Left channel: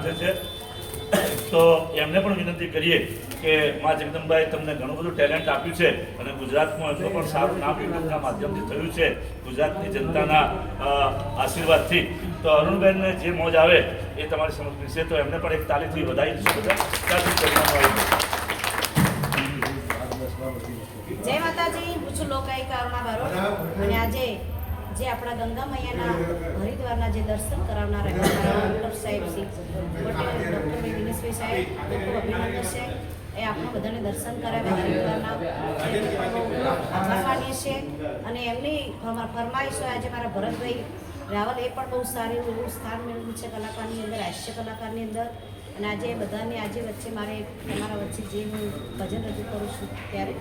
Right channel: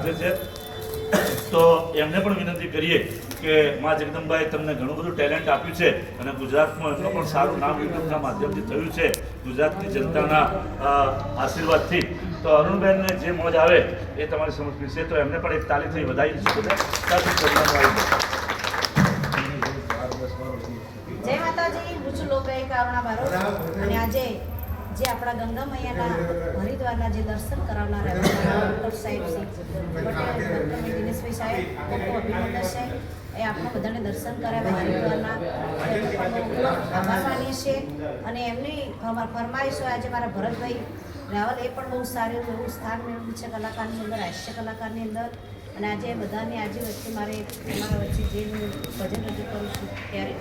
હાજર છે. તો એમને પણ વિનંતી કરીએ કે મા જગદંબાએ તમને ઘણું બધું ટેલેન્ટ આપ્યું છે અને ગુજરાતમાં એટલું પણ સારું નામ યુટ્યુબના માધ્યમથી થયું છે ગુજરાતની જનતાના આશીર્વાદથી. તો અરુણબેનને જે મોજ આવે એ તમારી સમક્ષ છે તો એમને પણ એક તાલીથી વધાવી દઈશું જાય. માતાજી હું છું લોકગાયિકા અરુણા અને આજે જે આપણા ગંગા મૈયાના હરિદ્વારના જે દર્શન કરાવનાર ખૂબ અભિનંદન છે એ આપણા બધાને દર્શન કરાવ્યા હરિદ્વારના એમનો પણ બહુ આભાર માનીએ છીએ અને એમની ફરમા- ફરમાઈશો આજે મારા ભરતભાઈ રાવલ એ પણ બહુ સારું એવું સ્થાન મેળવ્યું છે કલાકારની અંદર હાસ્ય કલાકારની અંદર અને આજે એ બધાની આજે વચ્ચે મારે તમારા વચ્ચે જે હું ભજન રજૂ કરું છું ત્યારે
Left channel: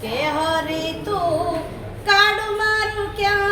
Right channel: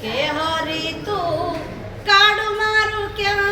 કે હરી તું કાડું મારું ક્યાં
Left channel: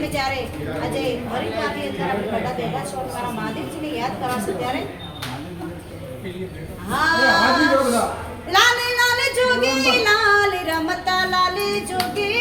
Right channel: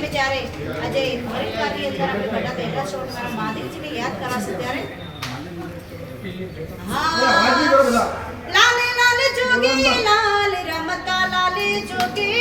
અમે જ્યારે આજે હરિદ્વારની અંદર અમે બધા પહેલા છો મારા મહાદેવજીને યાદ કરાશે ત્યારે? હા. લાલે લાલે જોગી લાલ રમતા લાલે જોગીડા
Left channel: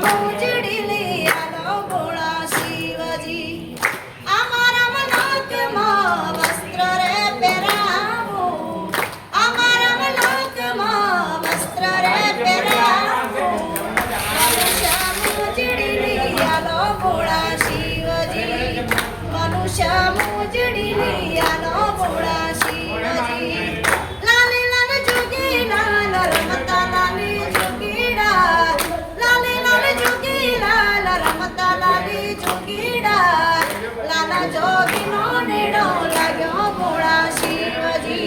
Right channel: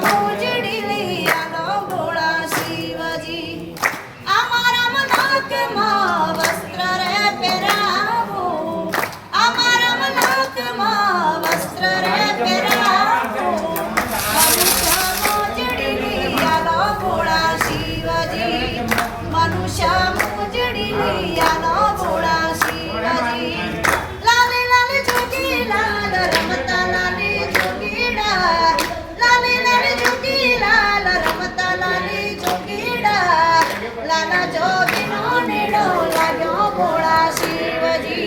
Bravo! লালা যোগিনো নীড়ো লাগো গোড়া শিবজি